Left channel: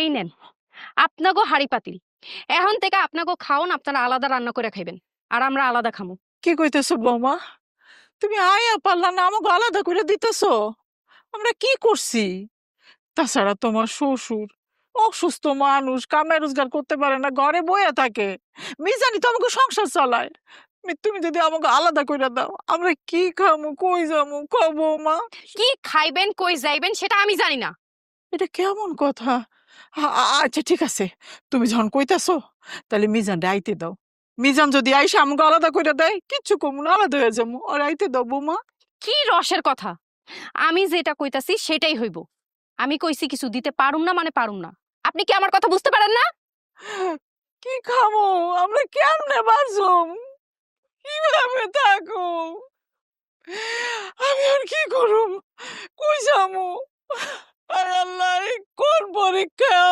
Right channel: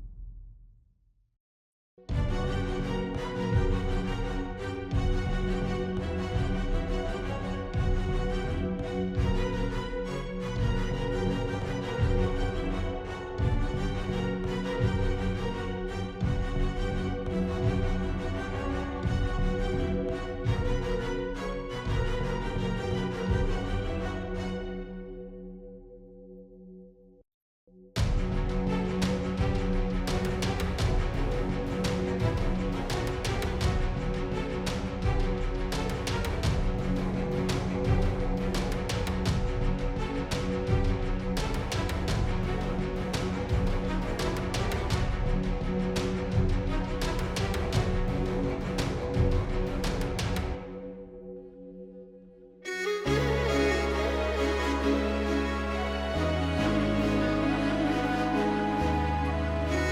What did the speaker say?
এই নেন আপনাগো হাড়ি পাতিল। এখন থেকে আপনাগো খাওন আপনারা আলাদা রান্না করে খাইবেন আর আমরা আলাদা খাব কি কইতেছো বৌমা? তুমি আয়া পারলা না আমাকে আলাদা করে দিতেছো। আমরা কি করছি? তাছাড়া তোমার শ্বশুর অসুস্থ মানুষ কামে রোজগার করতে পারে না ঘরে বইয়া থাকে। মিজানি তো আমাকে সংসার চালায়। তুমি যদি আমাকে আলাদা করে দাও আমরা কি খামু কই যাব কও বৌমা। কি খাইবেন কই যাইবেন সেটা আমি জানি না। এটা কেমন কথা? আচ্ছা ঠিক আছে। তুমি যখন কইতাছো তাহলে মিজান আইতে দাও। মিজান যদি আইসা আমাকে আলাদা করে দেয় কিচ্ছু কমু না আলাদা হয়ে যাব। আর আইতে দাও বৌমা। কি রসের কথা? আমি যেটা কইতাছি সেটাই হইব। আমি কইছি কিছু দিতে পারুম না মানে পারুম না। আপনি কি আমার কথা বুঝতে পারেন না? কি খাব আমরা কেমনে বাঁচুম? কীভাবে থাকো? আমি আর কি করুম? কই যাব? আর আল্লাহ কোন ভালাইছো